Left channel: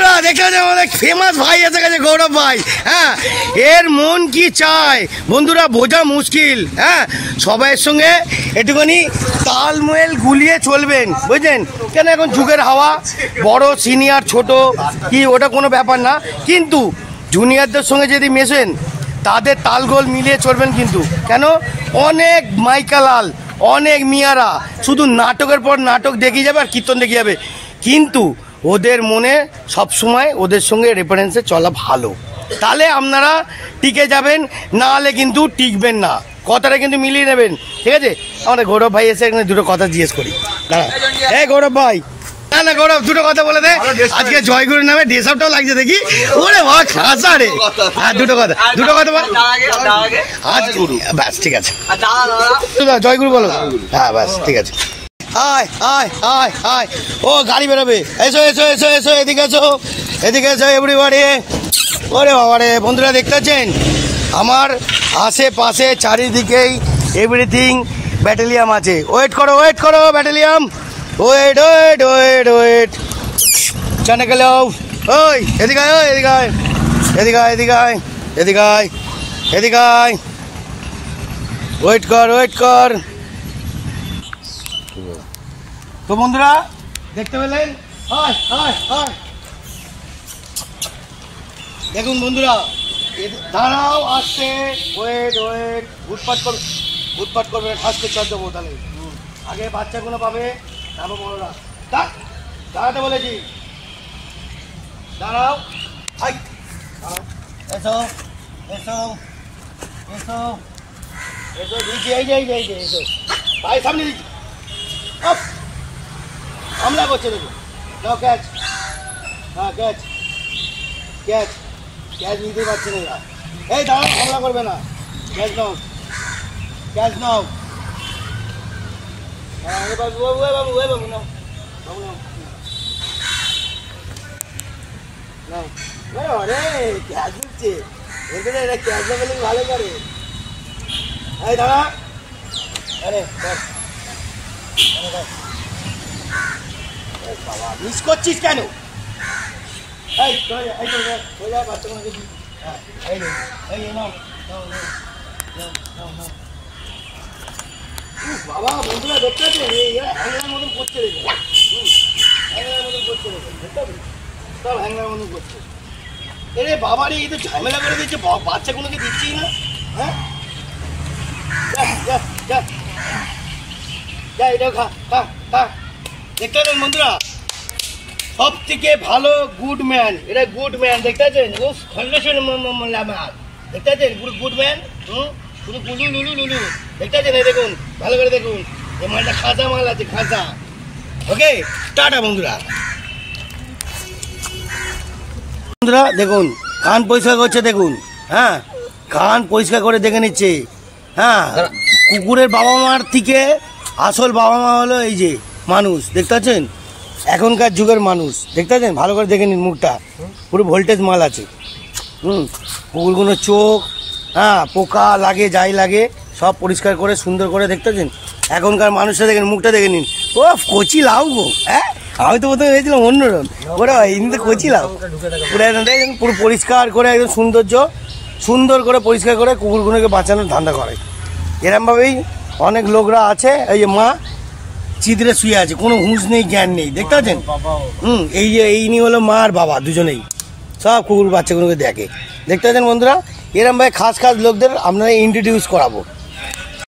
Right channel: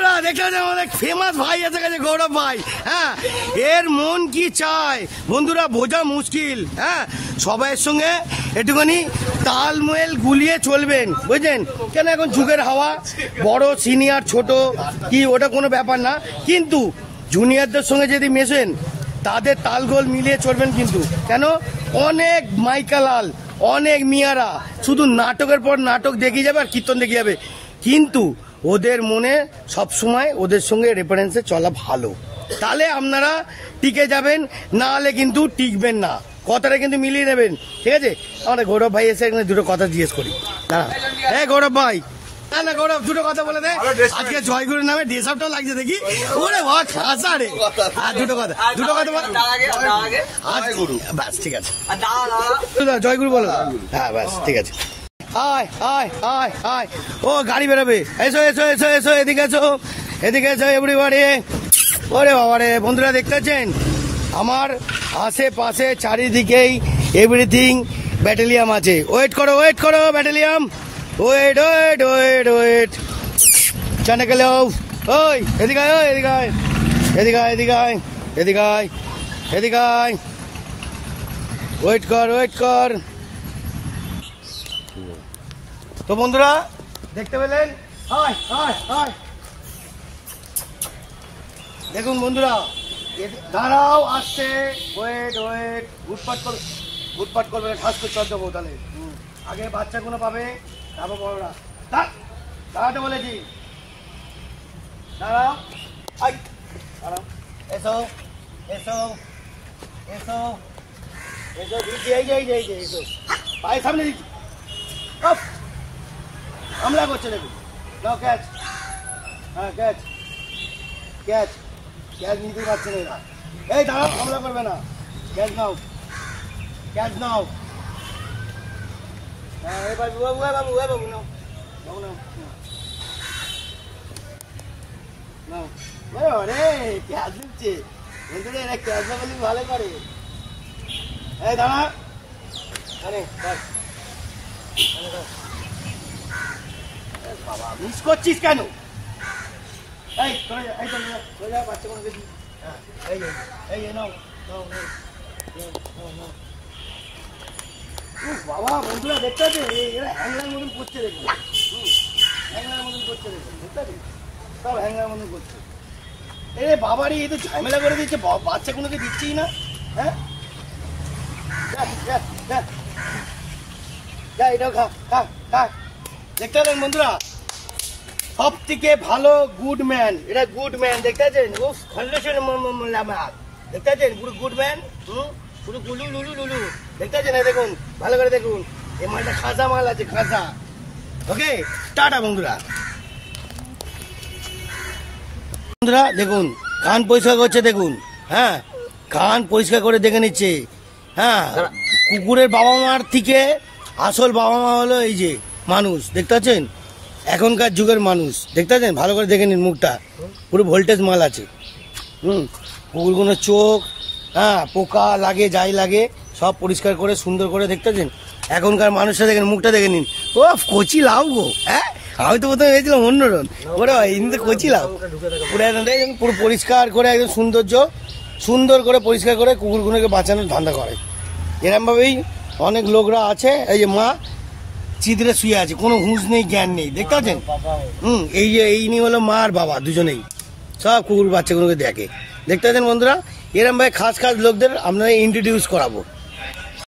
বন্ধুরা দেখে আমাদের ফেমাস ভাই এসে গেছে, গৌরব ভাই। হ্যাঁ, এর মন কি চায় বন্ধুরা বোঝা মুশকিল। হ্যাঁ, সবাইয়ের সঙ্গে একটুখানি তালমেল গুলিয়ে চলবেন, বুঝলেন? কেন এখন যুগের হাওয়া, বড় সিনিয়র ছোট কি ওটা কোনো ব্যাপার না, কিন্তু জুনিয়রদের সঙ্গে যদি মেশেন তাদের তালগোল মিলিয়ে চলবেন। কিন্তু কেন অনেক মাইকালাল, অনেক মিয়ারা শুধু নাটকের পর নাটক দেখিয়ে যাবে আর কীর্তন দেখিয়ে যাবে, কিন্তু ওদের মনে সবসময় ওদের সঙ্গে রেফারেন্সে চলা ভালো, তাহলে আপনারা টিকে যাবেন, না হলে কিন্তু টিকবেন না। কথাটা কিন্তু মিলিয়ে নেবেন, ঠিক আছে? আমাদের গৌরব ভাই এসে এখানে দুটো কথা জিজ্ঞেস করি। হ্যাঁ গৌরব ভাই, না গৌরব দুটো কথা বলে দে। আজকে জয়গুরুর নামে ড্রেস আপটাও লাগছে দেখি, ওরে বাবা খাসা রে। হ্যাঁ দুটো কথা বল আজ, ব্যাস ঠিক আছে, জয়গুরু বলো। হ্যাঁ ব্যাস ঠিক আছে। আয় আয় আয় আয়, ও গাড়ি বেরোবে, এসো এসো এসো এসো, এদিকে এসো, এদিকে এসো এভরিবডি। ওরে বাবা রে, বন্ধুরা দেখতে পাচ্ছেন আমার আশেপাশে চারিদিকেই এভরিথিং ব্যাটালিয়াম আছে। ওয়েট করো ব্যাটালিয়াম, ওয়েট ওয়েট ওয়েট ওয়েট। চানে গেল, ওই এদিকে আয়, এদিকে আয়, এদিকে আয়, এদিকে আয়, এদিকে আয়, এদিকে আয়, ওয়েট কর। তো বন্ধুরা দেখতে পেলেন, দেখুন বন্ধুরা, দাঁড়াও আসছে, ওয়েট, উৎপাত করবে না, খাস করে শব্দ বোতালে। আগে বাচ্চাগুলো পাবে, তারপর বড়রা। দাঁড়াতে বলেছি, দাঁড়াও, এসো এসো এসো এসো, দিচ্ছি, এই এসো, পায়ে সামনে দিচ্ছি, হামলা করছে দেখুন। যাও ক্যাচ, হ্যাঁ ক্যাচ নিতে পারছে না এরা। এই দাঁড়াও, হামলা করবে না, ক্যাচ নাও। হ্যাঁ বাবু নাও, আরে ক্যাচ দিচ্ছে, বলতে এরা ক্যাচ দেবে ভালো করে। এই দাঁড়া, আরে বাবা মিস করছিস কেন? এই বাবা বন্ধুরা দেখতে পাচ্ছেন হ্যাংলার মতন করছে, দেখুন হ্যাংলার মতন করছে, দেখুন দেখতে পাচ্ছেন সব হ্যাংলার মতন করছে। এরে বাবারই এই তো ঝামেলা করে দিচ্ছে, বাচ্চা কোনোকে দিচ্ছেই না। হ্যাঁ যা এটাও খা। দেখতে পাচ্ছেন বন্ধুরা, সব থেকে ভালো গুড ম্যান, এটা গুড ম্যান, দেখতে পাচ্ছেন? ও খন্ডেশ্বর দেখতে পাচ্ছেন, পুরো গুড ম্যান, পুরো লুলু দেখতে পাচ্ছেন? এই দেখুন ভালো করে দেখুন, এই মালটা খাসা মাল আছে, খাসা। ওকে, টাটা বন্ধুরা। দেখুন কান পরিষ্কার করছে, দেখুন। হ্যাঁ, কান পরিষ্কার করে দেখে নিচ্ছে। হ্যাঁ, কুকুরের বাবা মার থেকে আসল বাবা মা হলো এই যে মানুষ, দেখতে পাচ্ছেন? এখনকার যুগের মানুষ, দেখতে পাচ্ছেন? ভালো করে দেখে নিন, মুখটা পুরো ভোল্টেজ মাল আছে। কুকুরগুলোর চোখ, হ্যাঁ পোকা লাগে যাই লাগে সব পরিষ্কার করে সুন্দর করে, দেখতে পাচ্ছেন? এখনকার মানুষরা দেখেন, মুখটা দেখে নিন, ও কচি লাউ গো। হ্যাঁ, আমি তো বোধহয় হয়েছিলাম অন্যরকম, ওরা এমনিতে কচি লাউ। পুরো পরিষ্কার করে একদম সুন্দর করে পরিষ্কার করে কুকুরগুলোকে বাঁচানোর ধান্দা করে। এরমভাবেই অনেক লোকরা আছে, এই যে মা চিত্রে শুয়ে আছে, কোনো হুঁশ নেই, জ্ঞান নেই, দেখতে পাচ্ছেন? এই যে এই নিয়ে হলো মা আর বাবা দুজনেই, সব কুকুর বাচ্চাগুলোকে দেখে, দেখতে পাচ্ছেন বন্ধুরা? এরম ভাই খাস লোকদের আপনারা ইন্ট্রোডিউস করাবো।